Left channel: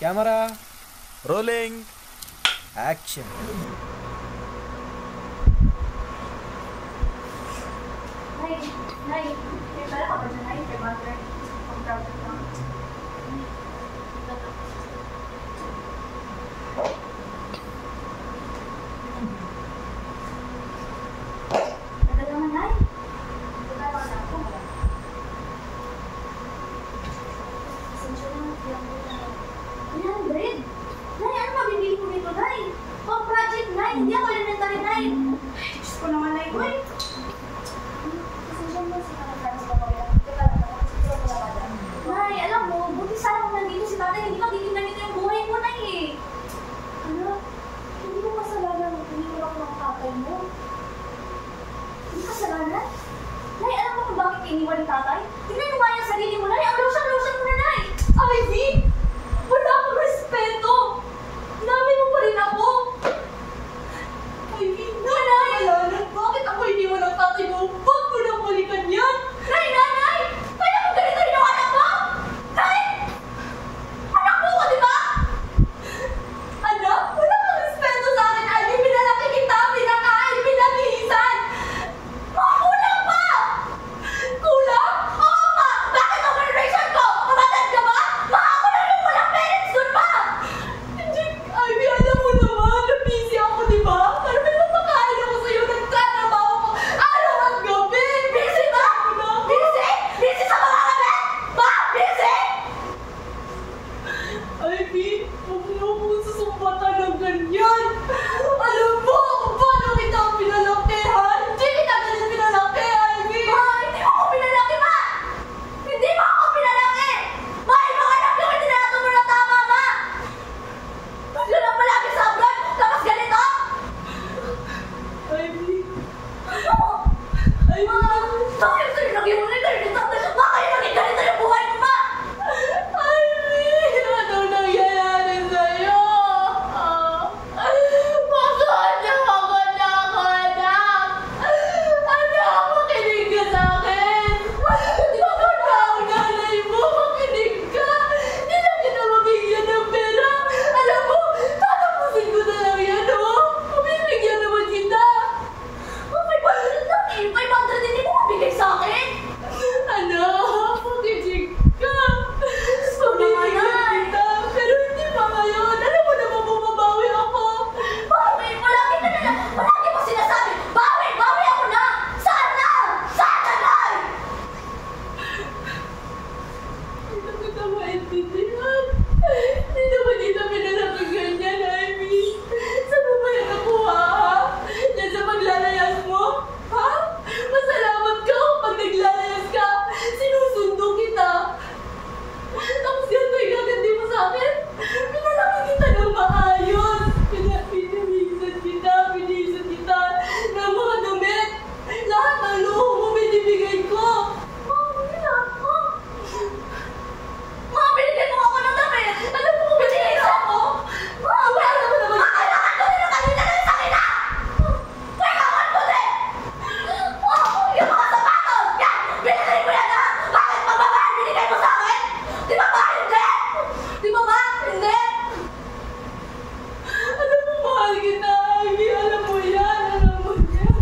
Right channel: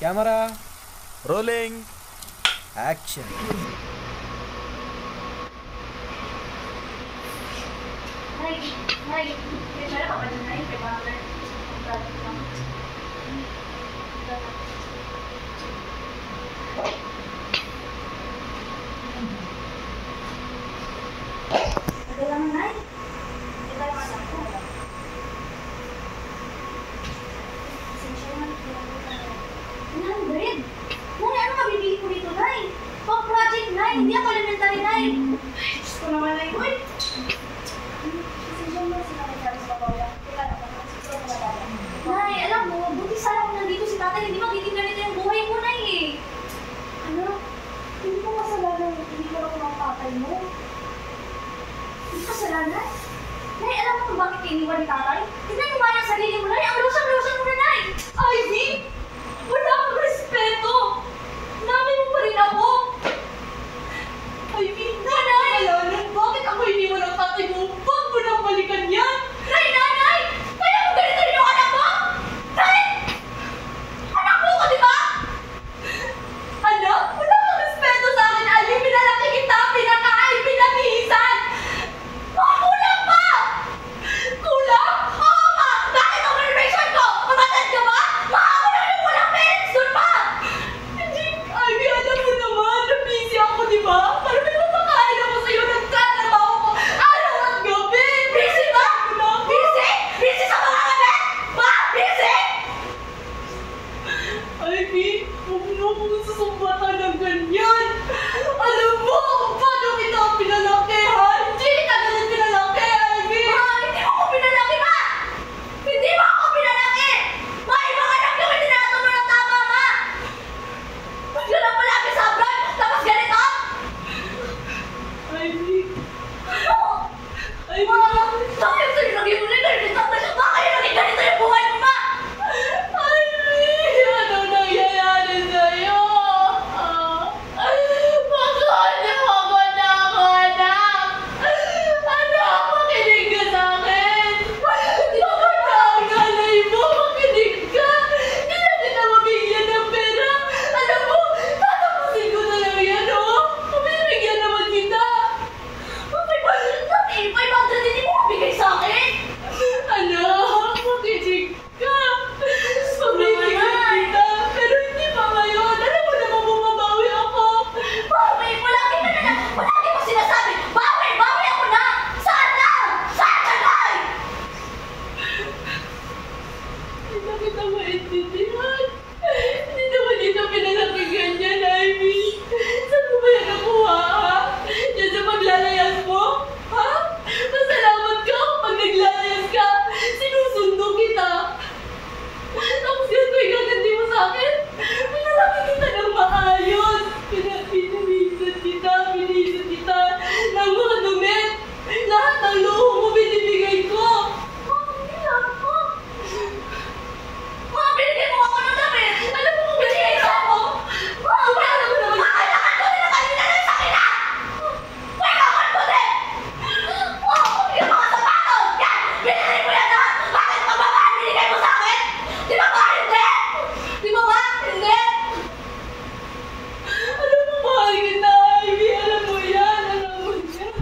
Camera rolling action. Hindi ako elementary, Nay. Diyos ko naman, Nay. Uy! Nay, alam mo, buti sana kung nandito si tatay, hindi magiging ganito yung buhay mo, Nay eh. Ano? Hindi mo kasalanan, hindi ko ako ng tatay mo. Hindi kasalanan? Nay, alam mo kung bakit iniwan ni tatay? Tignan mo ba yung sarili mo, Nay? Ang lusang-lusang mo na, Nay! Ivy! Wala akong respeto! Namin mo pa rin ako! Ivy, nanay! Alanan, bakit ako iniwan ng tatay mo? Huwag mo nang balikan yan! Nay, nanay! Kaya mo ganito rin yung anak mo? Nay! Anak mo ko, di ba? Anak, wala kang respeto sa akin, Ivy! Pinalaki kita, pinakain, pinabihisan! Kulang pa! Kulang? Oo nga! Bakit ang generation ko? Mamatad ka ba? Baka ako na rin walang parents doon pa! Hindi, Ivy, alam mo naman, na-busy ako, di ba? Pero may mapakain ako sa'yo, nagtatrabaho ko araw at gabi! Busy ba? Busy? Busy sa mga gabi? Ba? Busy? Ivy, huwag mo akong susumbatan ng ganyan! Alam mo kung paano kita pinalaki, ha? Hindi kita ganun pinalaki, Ivy! Ma, hindi mo ako pinalaki, Ma! Hindi mo ako pinalaki! Ma, ibang anak yung hindi nakatulog ng tama, Ma! Huwag ka lang palagi sa abroad, tapos ganito! Ivy! Oo! Ivy! Ma, bakit sa'yo naging ulit na rin? Bakit yung naging ganito yung buhay mo, Ma? Ivy! Ano nangyayari sa'yo? Pagod na ako, anak! Anak, makinig ka sa'kin! Pagod na ang nanay mo, makinig ka! Hindi na kita mabigyan ng pera! Alam mo, tatapusin ko na lang yan, oh! Mabibigyan naman kita! 500 hindi mo mabigay sa'kin! Anak, makinig ka! Mabibigyan kita! Pero hindi pa ngayon! Alam mo naman bumabawi ako! Bawi! Palagi mo sinasabi! Bawi! Bawi ako na! Sana! Sana, Nay! Hindi na kita maintindihan. Hindi naman dito pinalaki ganyan, Ivy. Saan mo ba yan nakuha, ha? Yan sa paglalayas mo? Ha? Masalamat ka kapag naglalayas ka. Sinusundo kita. Tapos ganito yung gagandi mo sa akin. Pinalaki kita ng maayos. Pinihisan kita ng mga damit. Lahat ng luho mo binibigay ko. Hindi lang ako. Ma, binigyan mo ako ng damit! Alam mo kung binigyan mo? Ma, wala mo naman! Kailangan ko din ang kanina ng sakina! Kailangan mo din! Yung mga sapatos! Yan! Binigay mo yan, ha? Bakit mababaan binigay mo sa akin? Di ba ba? Hindi! Di ba ba? Hindi! Alam mo, mahal kita, Ivy! Alam mo yan! Alam mo yan!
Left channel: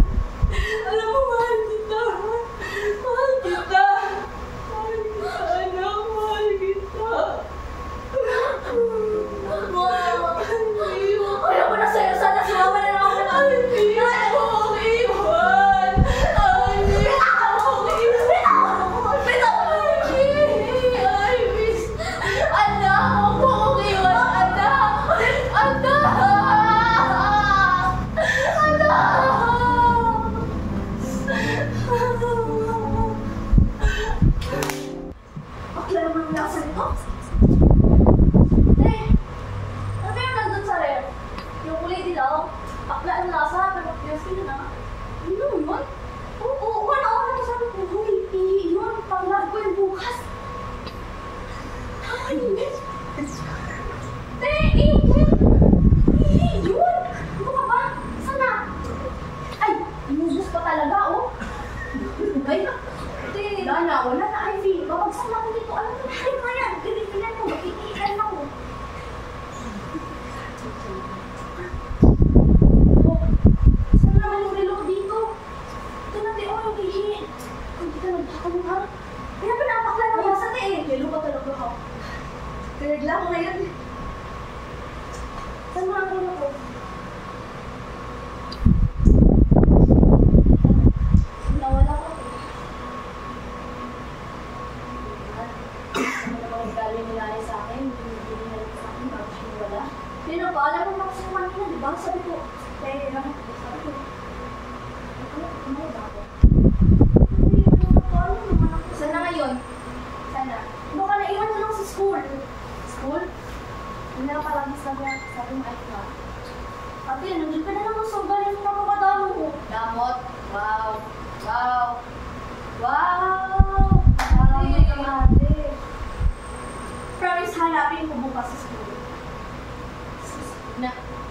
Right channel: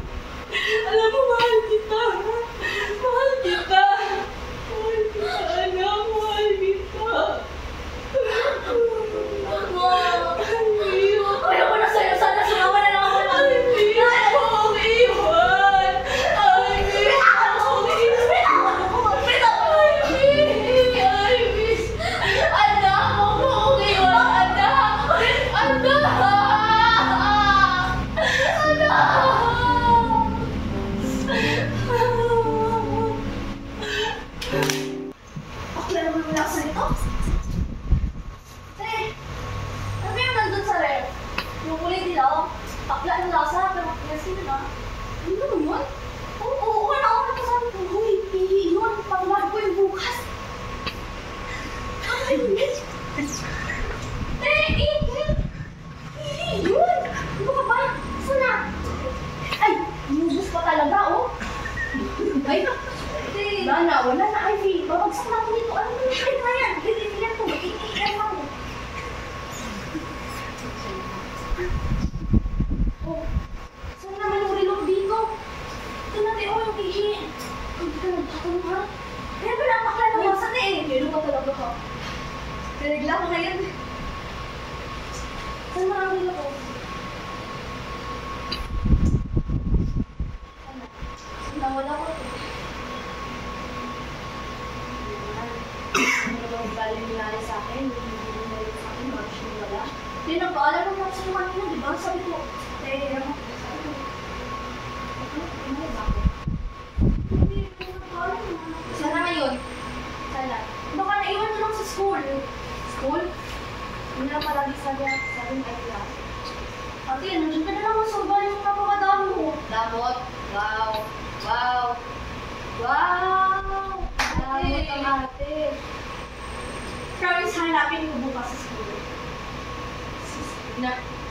Alam mo, mahal kita! Mahal kita! Mahal kita, anak! Mahal kita! Ayaw mo na sa'yo! Sana sumawa na lang ako na! Ivy! Ayaw mo akong iwan! Ivy! Bitawan mo! Bitawan mo! Bitawan mo! Ivy! Anak! Huwag mo akong iwan! Anak! Anak! Okay naman ang lasa nito? Ano yung nandun sa ref? Yung kulay dilaw? Akla ang lasa, pero sino na? Ano yun? Oo, wala ako nakasabi ko. Huy, pihi yun. Panglag ko yung bukas. Ay, pihi yun! Ano ka ba? Saan na? Ay, inubos pa talaga, oh. Ay, wala na, Ivy. Babagsak na ako dito. Ano na yan? Ganyan to. Iilan ako.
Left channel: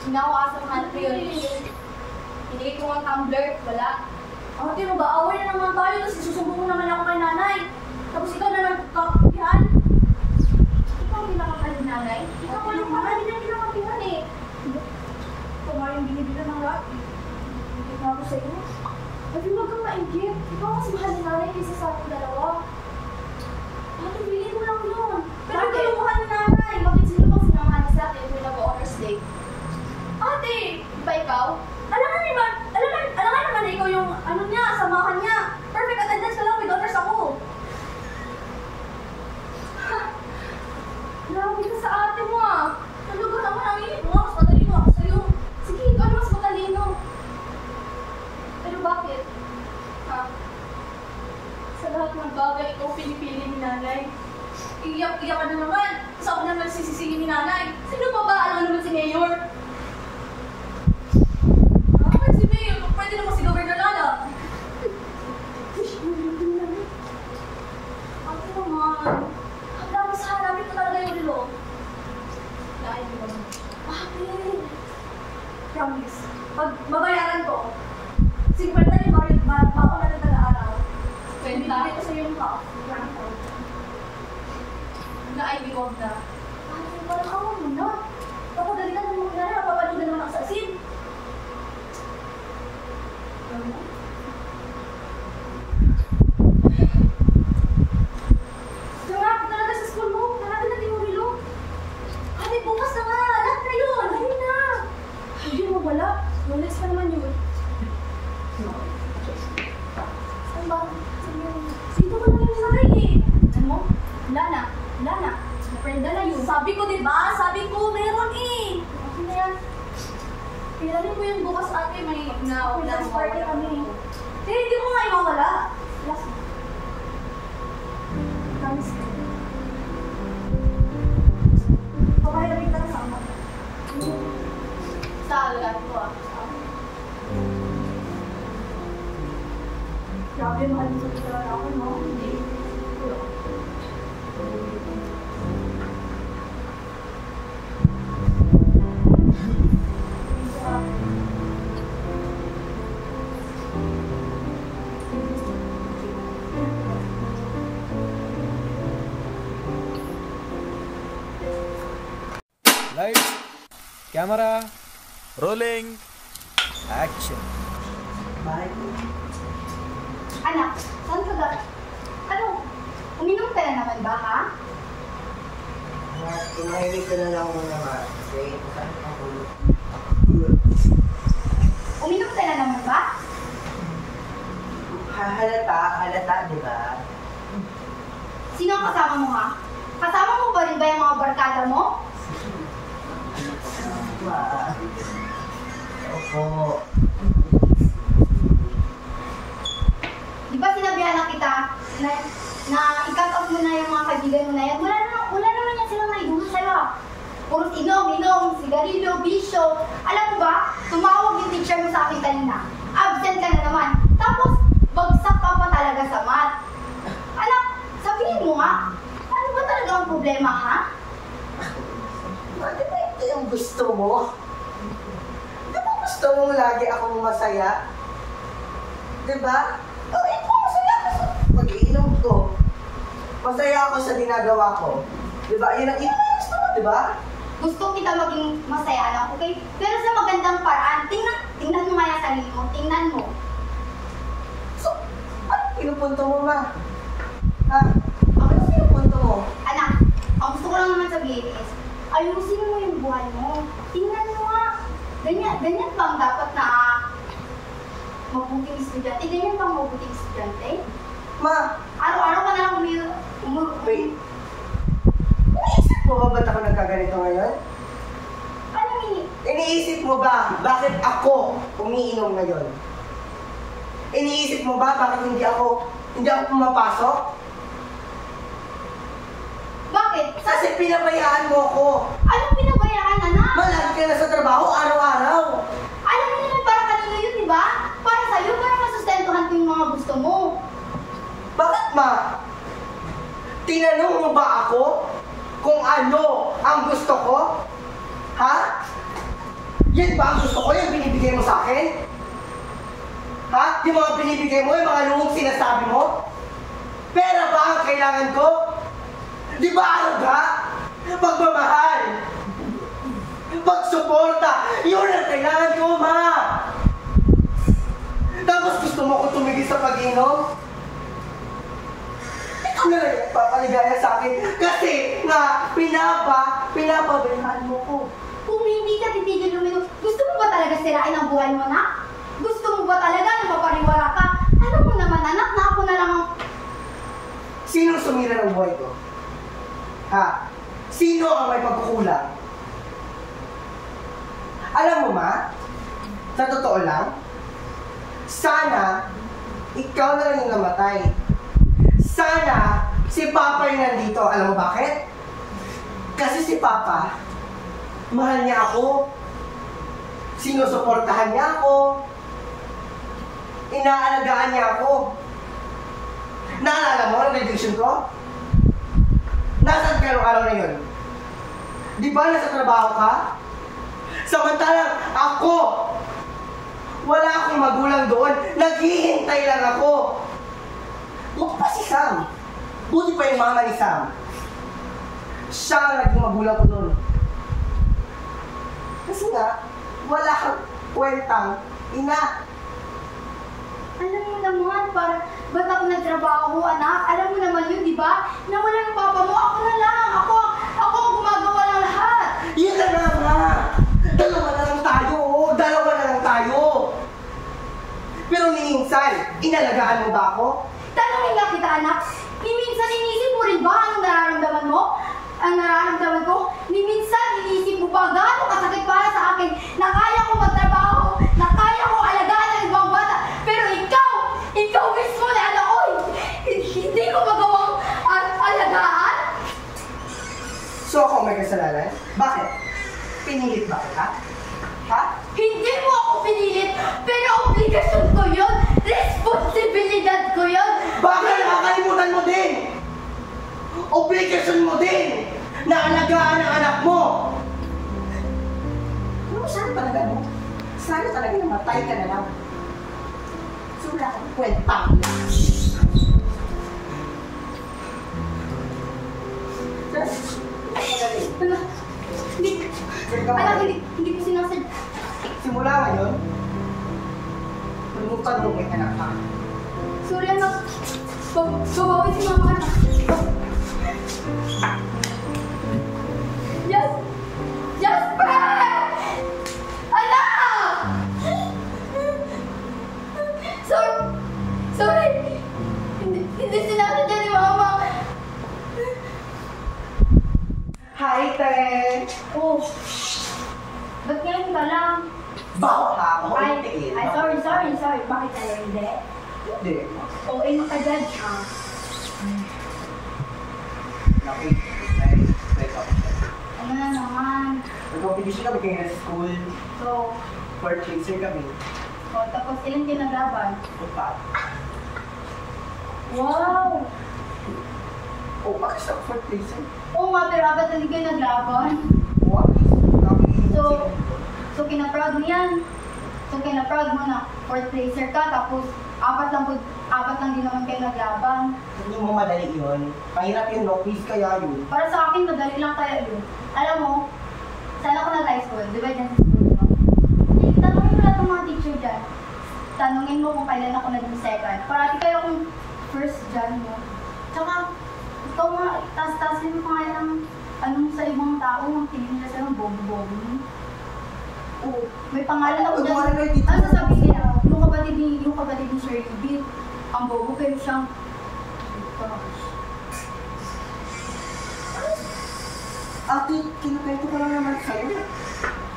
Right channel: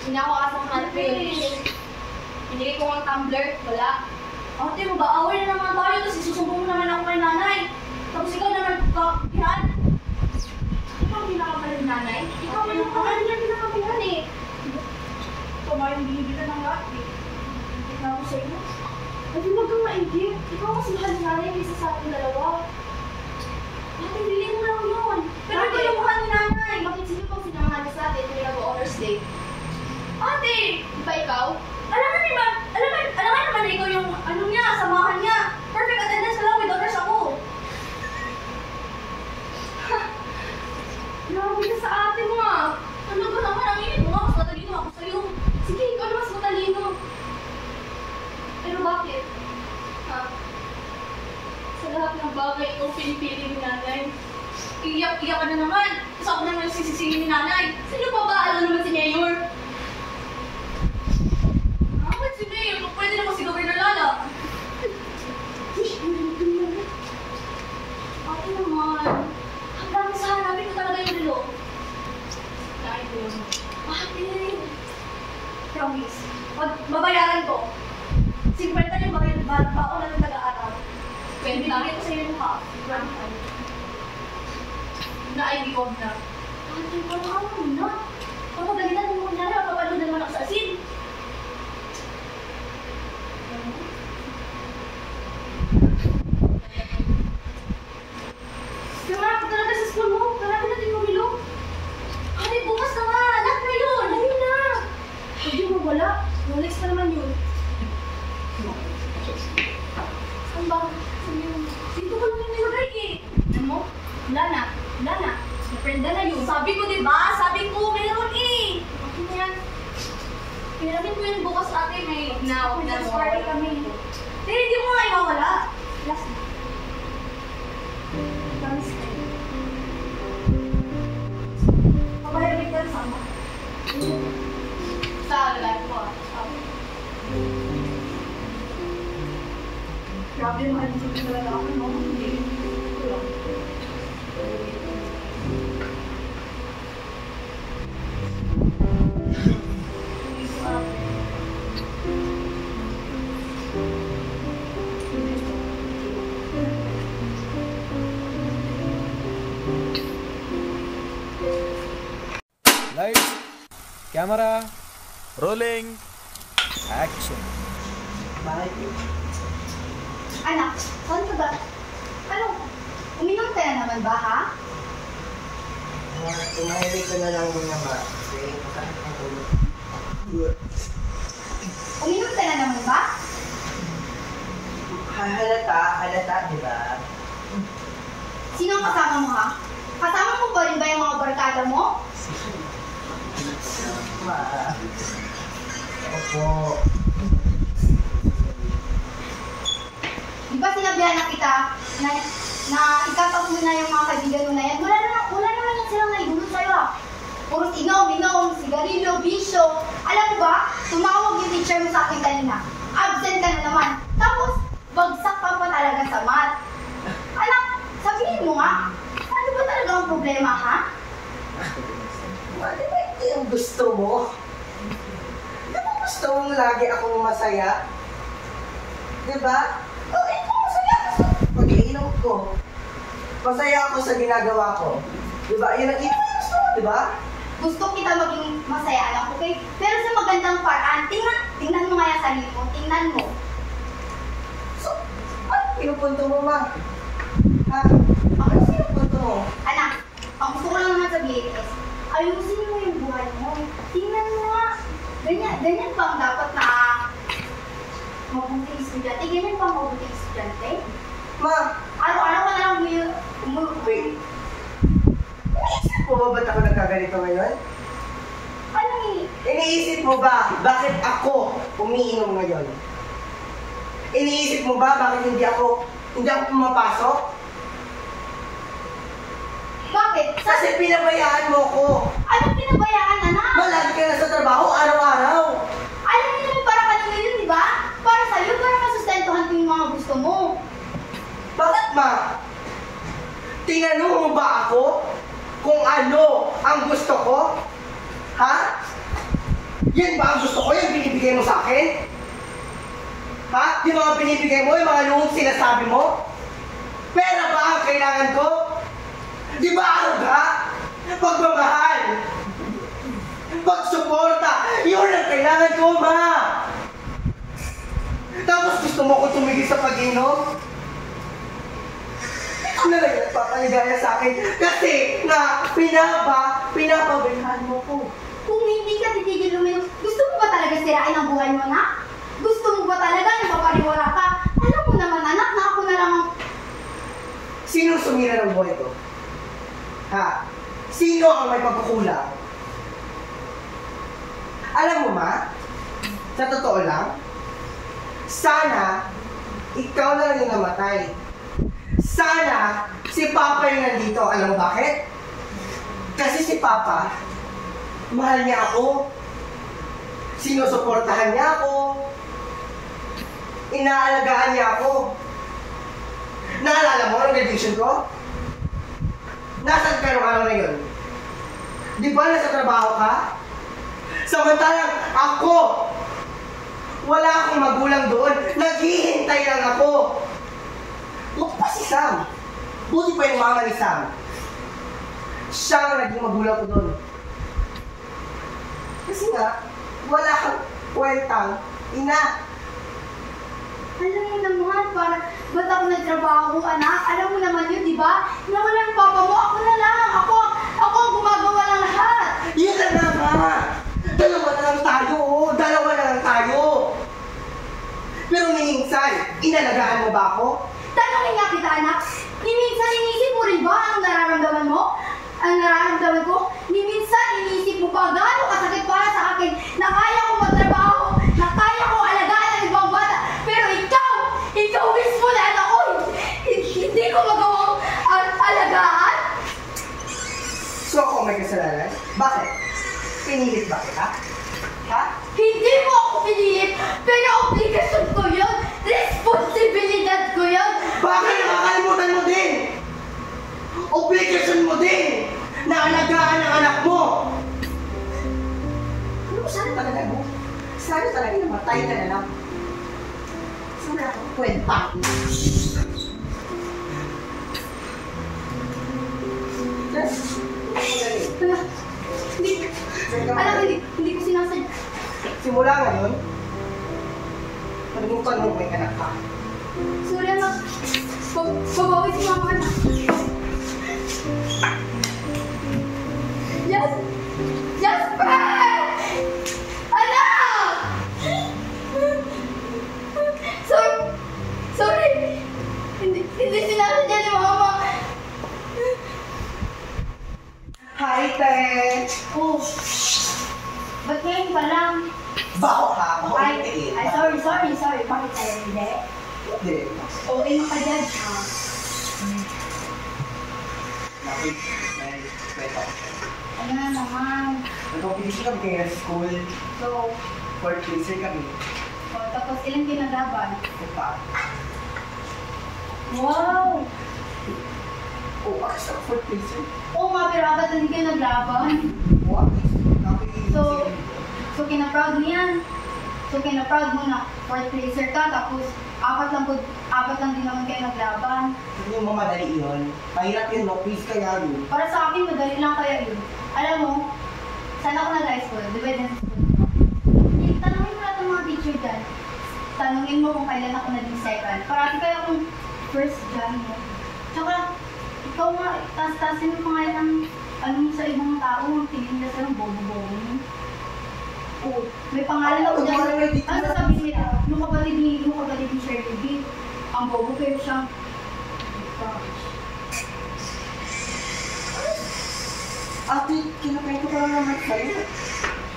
Hinawasan ng ate. Binigay ko ng tumbler, wala. Ate, mag-aaway na naman tayo, tapos isusumbong mo naman ako kay nanay. Tapos ikaw na nagkapihan. Ikaw ang pinakapalit ni nanay? Ikaw pa yung mahal niya pinakapihan eh. Ito nga yung binibilan ng lahat eh. Ikaw ko sa iyo. Ate, huwag kang maigit. Ikaw mas mahal ni nanay kaysa sa ating dalawa. Ate, bilhin mo lang yun. Pero ikaw yung mahal ni nanay. Bakit sino pang sinamahan niya sa atin kung nag-honors day? Ate! Di ba ikaw? Alam nga naman na ikaw yung ano niya, samahan niya. Perfect attendance ka lang, with honors ako. Grabe ka sa ate mo ah. Talaga naman, ang init mo nga, mas matalino ako sa'yo. Sige, ikaw na mas matalino. Pero bakit? Ha? Sa lahat ng bagay, ikaw pinipili ni nanay. Iyak-iyak ka na naman. Tapos ako naman nagsisisingin ni nanay. Sino pa ba? Alam naman si Mayor. Si Mayor, pwede naman si Governor Lala. Ate naman. Ang dami sa hanapin ko talaga yung relo. Kain ko naman. Ate, promise. Pag babayaran ko, 50 yung bako na ng taga-araw. Bibigay ko sa iyo yung half. Na-IV ko na. Ate, parang awa mo na. Papagalitan mo na rin, papalood na naman ako sa asin. Nangarap talaga sa school mo. Hanapin natin yung relo. Ate, bukas na nga. Lahat na yun. Ayun na. Hindi mo wala. Rolex pa naman yun. Saan ba? Saan yun? Sino ko lang yung nilagay eh? Ano mo? Wala na. Wala na. Naprenda na yun. Sabi ko diba? Sabi ko meron eh. Okay na yan. Pinaramin ko yun bukas ate. May last party kami. Pero hindi mo nga iwawala. Last. Promise ko. Papahirin ka na sama. Sa alagay ko ah. Grabe, mahal mo sa talaga ako, no? Hindi. Kulang. Lights, camera, rolling, action. Anak, saan ka ba? Ano? Uminom ka na naman ba, ha? Tumahilig ko na lang muna ma-train. Uminom ka na naman ba? Halata, di ba? Sino ang kasama mo, ha? Kasama mo ba rin ba yung mga barkada mo? Ma. Opo. Di ba sinabihan na kita na i-cut off mo na yung mga kaibigan mo na yan? Wala naman yan silang naidulot sa'yo, ha? Puro inom, sigarilyo, bisyo. Alam mo ba, tumawag yung teacher mo sa akin kanina. Absent ka na naman. Tapos, bagsak ka pa talaga sa math. Anak, sabihin mo nga, ano ba talaga ang problema, ha? Ma, di ba ito yung gusto mo? Di ba gusto mong lagi akong masaya? Di ba? Oh, ito, masaya ako sa pag-iinom ko. Masaya ako sa ginagawa ko. Di ba? Yun ang gusto mo, di ba? Gusto kita maging masaya, anak, okay? Pero sa magandang paraan, tingnan mo nga yung sarili mo, tingnan mo. So, ano pinupunto mo, ma? Ha? Ano pinupunto mo? Anak, ang gusto ko lang naman sabihin is, ayusin mo yung buhay mo. Tingnan mo nga. Ganyan bang dapat na mabuting estudyante? Ganyan bang mabuting estudyante? Ma, Araw-araw ka na lang wait. Iniisip mo ba ba't ako nagkaganito ngayon? Anong Iniisip mo ba bakit ako umiinom ngayon? Iniisip mo ba bakit hindi ako pumapasok? Bakit? Kasi pinabayaan mo ko. Anong pinabayaan, anak? Malagi ka na sa trabaho araw-araw. Alam niyo naman para kanino yun, di ba? Para sa'yo, para masustentuhan ko yung mga gusto mo. Bakit ma? Tinanong mo ba ako kung ano ang gusto ko? Ha? Yan ba ang gusto ko yung binibigay mo sa akin? Ha? Yung mga binibigay mo, yung mga luhong sinasabi mo? Pera ba ang kailangan ko? Di ba ano ka? Pagmamahal! Pagsuporta! Yun ang kailangan ko, ma! Tapos gusto mo ko tumigil sa pag-inom? Ikaw na lang yung nagpapaligaya sa akin kasi nga pinapabilhan mo ko. Kung hindi ka titigil uminom, gusto mo ba talaga sirain ang buhay mo na? Gusto mo ba talaga na mapariwara ka? Alam mo naman anak na ako na lang ang... Sinong sumira ng buhay ko? Ha? Sino ang may pagkukulang? Alam mo, ma? Sa totoo lang, sana ikaw na lang yung namatay. Sana si Papa yung nandito. Alam mo bakit? Kasi si Papa, mahal niya ako. Sinusuportahan niya ako. Inaalagaan niya ako. Naalala mo ang graduation ko? Nasaan ka nung araw na yun? Di ba nasa trabaho ka? Samantalang ako, wala akong magulang doon. Naghihintay lang ako. Buti pa si Sam. Buti pa yung mama ni Sam. Siya ang naging magulang ko doon. Kasi nga, wala kang kwentang ina. Alam mo naman, ba't ako nagtrabaho, anak? Alam mo naman yun, di ba? Na wala ang papa mo, ako na lang. Ako ang gumagawa ng lahat. Yan na nga, ma. Dalawa na lang tayo, oh. Dalawa na lang tayo. Pero minsan, inalagaan mo ba ako? Tanungin nga kita, anak. Minsan inisip mo rin ba anong nararamdaman mo? Ang nararamdaman ko? Minsan inisip mo ba gaano kasakit para sa akin na kaya ko magtrabaho, na kaya ko alagaan ang ibang bata, pero ikaw mismo na anak ko, hindi ko magawang alagaan? So ako may kasalanan? Bakit? Pinilit ba kita? Ha? Hindi mo ako pinilit, pero obligasyon ko yun, responsibilidad ko yun. Bakit nakakalimutan mo din? Obligasyon mo din na alagaan ang anak mo. Ano mo, sana talaga mo? Sana talaga namatay ka na lang. So wala akong kwenta. Anak, hindi ko sinasadya. Simula ngayon, kalimutan mo may anak ka. Sorry, anak. Babawi si mama, anak. Yes! Jasper! Anak! Sorry! Hindi sinasadya ni mama. Hi, Te! Oh, ba't ngayon ka lang? Bako ka, Ay, makulitiin. sorry. Bakit tayo hindi? Hindi. Okay mo ka dyan, ha? Naku, ay, kwento. Ano na naman? Nag-competition kami kayo sa school. So, For chaser kami. tapos ilang kinagaban? Upa. Wow! Oh, bakit sa for chaser? Oo nga, pero agad na hindi kayo naglaban. What? So kina-proud mo yan. So kina-proud mo na fourth placer ka, tapos apat lang din naman kayo naglaban. Hindi mo madali yun. Mahirap yun, no? Please kaya yun. Para sa akin, madali lang kaya yun. Alam mo, saan ako nag-high school? Di ba yun sa school mo? Tanungin mo lahat ng mga teacher dyan. Tanungin mo kung kailan ako naging second. Parati kayo akong first dyan mo. Tsaka, ikaw nga, taas-taasin mo pa nga ng ano mo sa ibang tao, tingin nila sa'yo, bobo-bobo mo. Oo, may pangalan ako dyan. Ano sasabihin nila? Yung kapatid ni Shirley B, ang bobo pero siyang... Gosh. Ate, kinukwento ka lang naman sa'yo.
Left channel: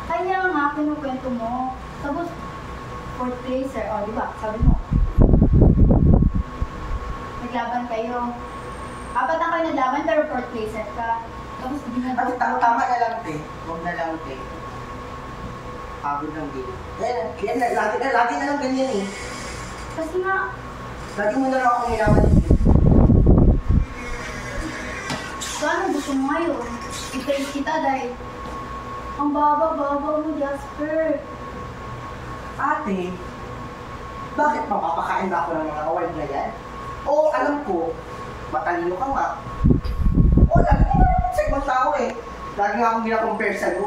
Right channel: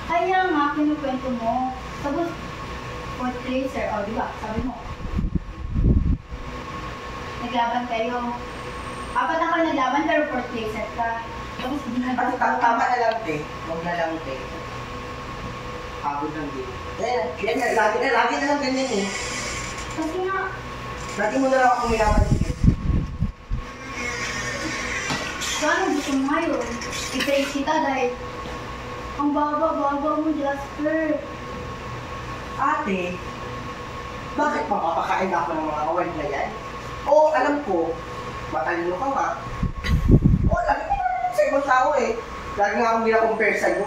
Kaya nga, kinukwento mo. Tapos, fourth placer, di ba? Sabi mo. Naglaban kayo. Apat na kayo naglaban pero fourth placer ka. Tapos hindi na Ate, tama na lang, te. Huwag na lang, te. Pagod lang din. Yan, lagi na lang ganyan eh. Kasi nga, Lagi mo na lang akong minamanigit. paano gusto mo ngayon? I-praise kita dahil Ang baba-baba mo, Jasper. Ate, bakit mapapakain ako ng mga award na yan? Oo, alam ko, matalino ka nga. Oo, lagi ka naman sa ibang tao eh. Lagi nga akong gina-compare sa'yo.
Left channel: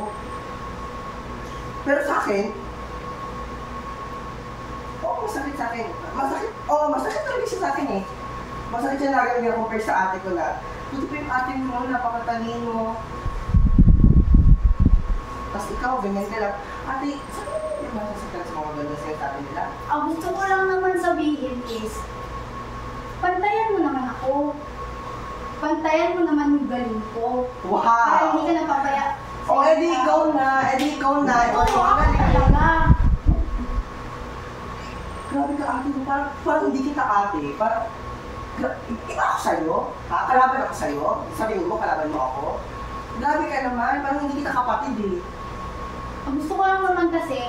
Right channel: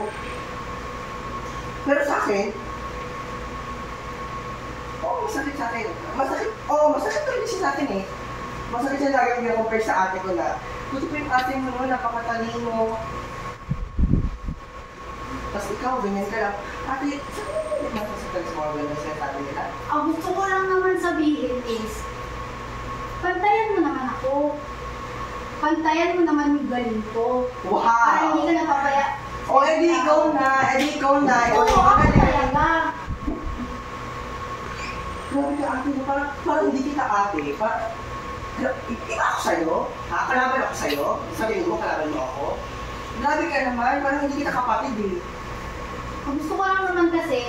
Pero sa akin, oo, masakit sa akin. Masakit talaga siya sa akin eh. Masakit siya lagi akong gina-compare sa ate ko na, buti pa yung ate mo, no, napakatalino. Tapos ikaw, ganyan ka lang. Ate, saan ka naman nasasaktan sa mga ganyan siya sabi nila? Ang gusto ko lang naman sabihin is, pantayan mo naman ako. Pantayan mo naman yung galing ko. Wow! Para hindi ka napapaya. O, edi ikaw na. Ikaw Oo, yung ako magaling. talaga. Grabe ka ate, parang hindi kita ate. Iba ako sa'yo? Ha? Kalaban ako sa'yo? Sabihin mo, kalaban mo ako? Grabe ka naman, parang hindi kita kapatid eh. Ang gusto ko lang naman kasi,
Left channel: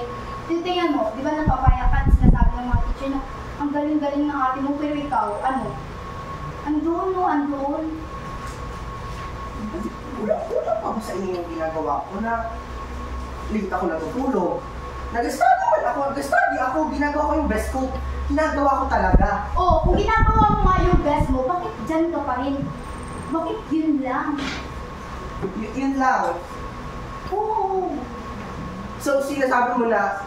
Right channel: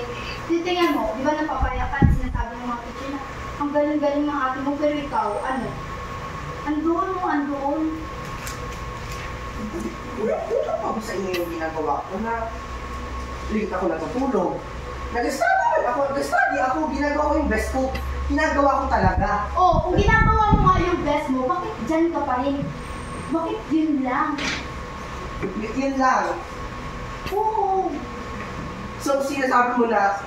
titingnan mo, di ba napapayakan, sinasabi ng mga teacher na, ang galing-galing ng ate mo, pero ikaw, ano? Andoon. Kulang pa ako sa inyo yung ginagawa ko na late ako natutulog. Nag-study ako, ginagawa ko yung best ko. Ginagawa ko talaga. Oh, kung ginagawa mo nga yung best mo, bakit dyan ka pa rin? Bakit yun lang? Yun lang. Oo. So, sinasabi mo na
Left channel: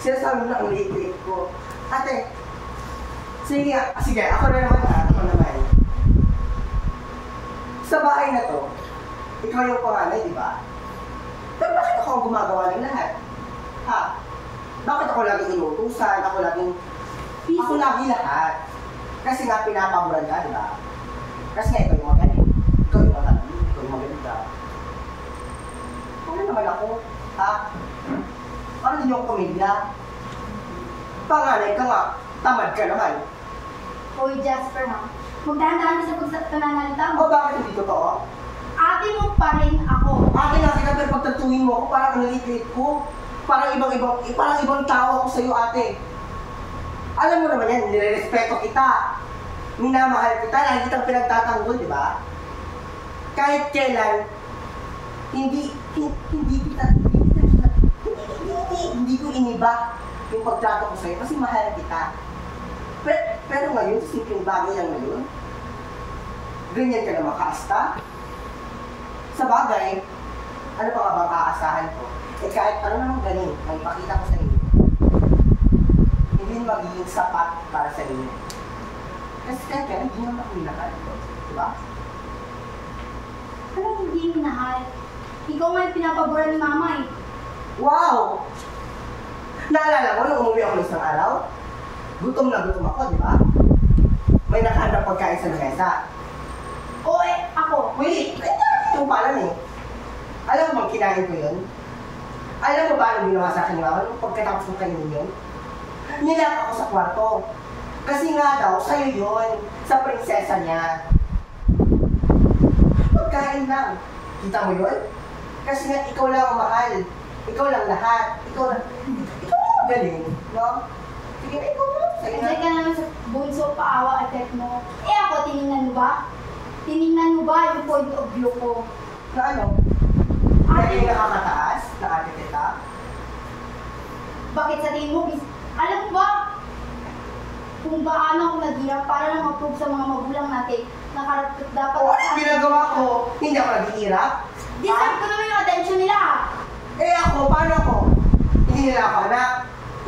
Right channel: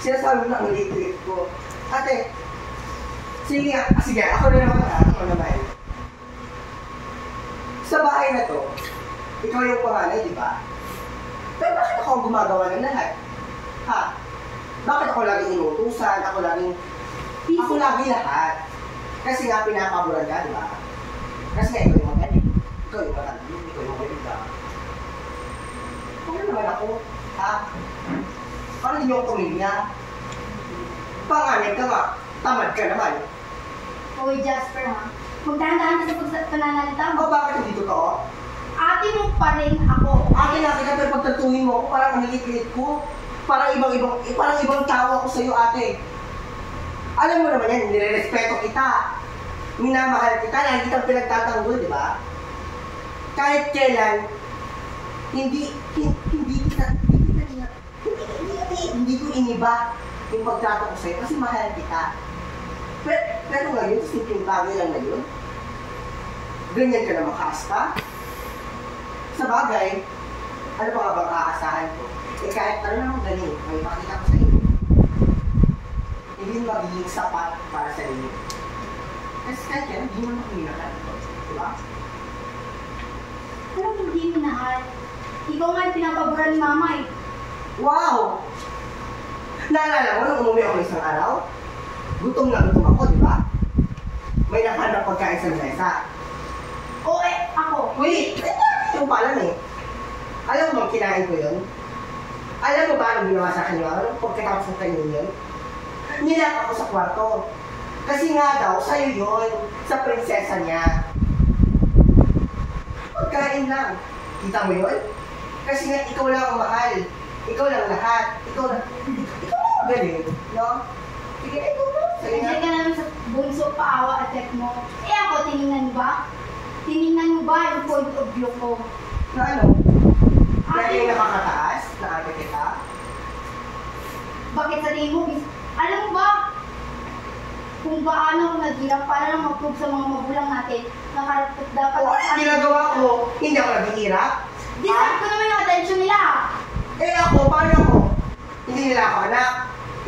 ang liit-liit ko. Ate, sige, ako na naman. Sa bahay na to, ikaw yung panganay, di ba? Pero bakit ako ang gumagawa ng lahat? Ha? Bakit ako laging inutusan? Ako lagi lahat. Kasi nga pinapaboran ka, di ba? Kasi nga ikaw yung magaling. Ikaw yung matalino. Ikaw yung maganda. Ano naman ako? Ha? Parang hindi ako pamilya. Panganay ka nga. Tamad ka naman. Hoy, Jasper ha. Magdahan-dahan ka sa pananalita mo. O bakit hindi totoo? Ate mo pa rin ako. Akin na kita pero pagtatuhin mo ako, parang ang liit ko. Parang ibang tao ako sa'yo, ate. Alam mo naman yan, nire-respeto kita. Minamahal kita, lagi kitang pinagtatanggol, di ba? Kahit kailan, hindi ko iniba yung pagtrato ko sa'yo kasi mahal kita. Pero ngayon, simpleng bagay lang na yun. Ganyan ka na makaasta. Sa bagay, ano pa nga bang kaasahan ko? Eh kahit ano namang galing, may ipakita ko sa inyo. Hindi magiging sapat para sa inyo. Kasi kahit kaya, hindi naman ako minahal. Diba? Pero hindi minahal. Ikaw nga yung pinapabura ni mama eh. Wow! Naalala mo nung umuwi ako ng isang araw? Gutom na gutom ako, di ba? May nakahanap pagkain sa mesa. Oo eh, ako. Wait! Ito pala eh. Alam mo bang kinain ko yun? Alam mo ba anong ginawa sa akin yung pagkatapos ng kainin yun? Nilak ako sa kwarto. Kasi nga daw, sa'yo yun. Sa prinsesa niya. Pagkain lang. Kita mo yun? Kasi nga, ikaw lang ang mahal. Ikaw lang lahat. Ikaw lang galing. No? Sige, ikaw lang. Sa'yo Nandiyan na. ka naman sa bunso, paawa at mo. Eh ako, tinignan mo ba? Tinignan mo ba yung point of view ko? Na ano? Ate, Lagi nakakataas? Na ate kita? bakit sa tingin mo? Alam mo ba kung gaano ako naghirap para lang mag-prove sa mga magulang natin na karapat dapat O, ano ginagawa ko? Hindi ako naghihirap? Deserve ko naman yung attention nila. Eh ako, paano ako? Hindi nila ako anak.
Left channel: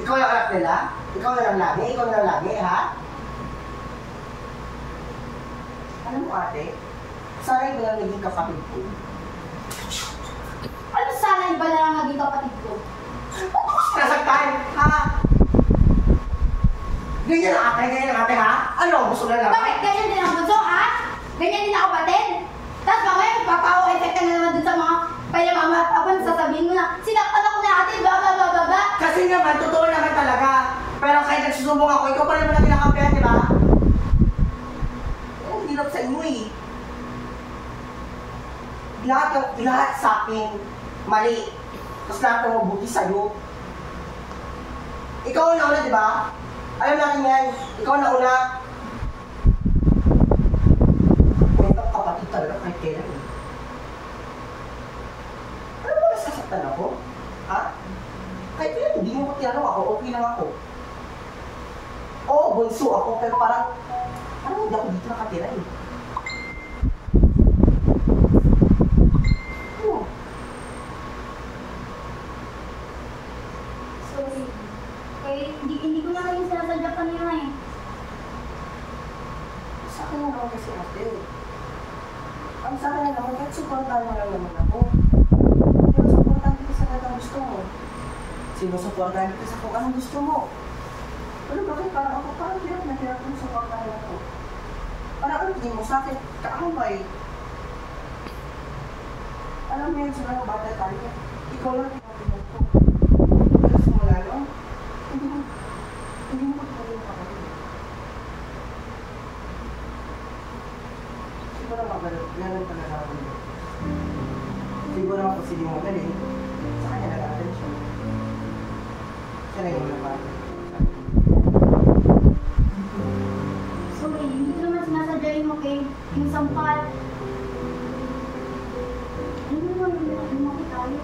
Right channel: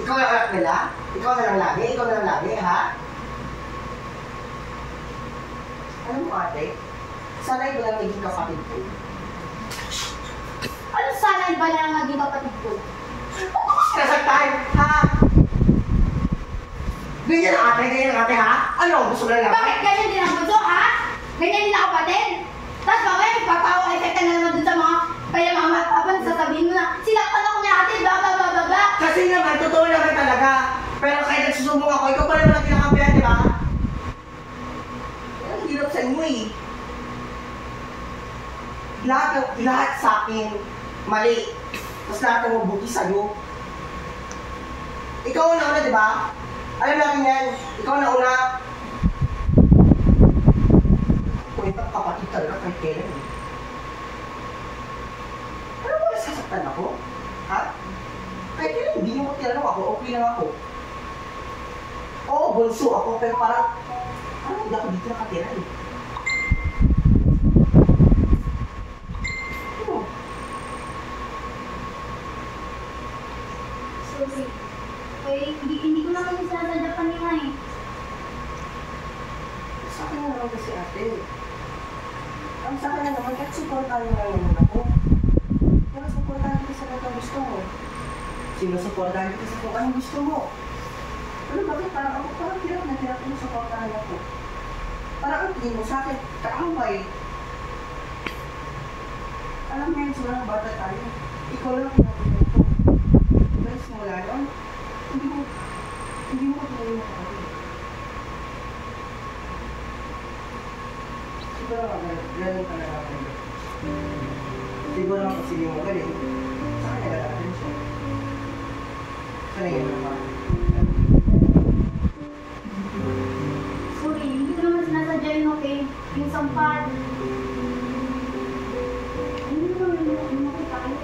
Ikaw yung anak nila? Ikaw na lang lagi? Ikaw na lang lagi, ha? Alam mo ate, sanay ko lang naging kapatid ko. Ano sana yung bala lang naging kapatid ko? Ba't ako sinasagtan, ha? Ganyan ang ate, ha? Ano, gusto na lang? Bakit ganyan din ang bunso, ha? Ganyan din ako kapatid? Tapos mamaya magpapawa-effect ka na naman dun sa mga payamama at papan, sasabihin mo na sinaktan ako ni ate, bla bla bla bla bla. Kasi naman, totoo naman talaga. Pero kahit nagsusumong ako, ikaw pa naman ang kinakampihan, di ba? Ang hirap sa inyo eh. Lahat sa akin, mali. Tapos lahat ng mabuti sa'yo. Ikaw ang nauna, di ba? Alam natin yan. Ikaw ang nauna. Kwentang kapatid talaga kahit kailan eh. nasasaktan ako? Ha? Kahit yun, hindi niyo ko tinanong ako, okay lang ako. Oo, bunso ako, pero parang hindi ako dito nakatira eh. Hmm. Sorry. Hindi ko na kayo sinasadya kanina eh. Sa akin na naman kasi ate. Ang sa akin na naman, kahit supportahan mo lang naman ako. Pero supportahan kita sa lahat ng gusto mo. Sinusuportahan kita sa kung anong gusto mo. Pero bakit parang ako parang hirap na hirap yung supportahan ako? Parang ang tingin mo sa akin, kaambay. Alam mo yun, simula ng bata tayo. Ikaw lang pinatuloy ko. Pero simula noon, hindi mo tuloy mo ako. Siguro magaling talaga ako yun. Siguro ang isili mo galing, sa kanya nalatin siya. Sana yung naman. Sorry, hindi ko naman sinasadya yun, okay? Yung sampal. Hindi naman lumaki tayo.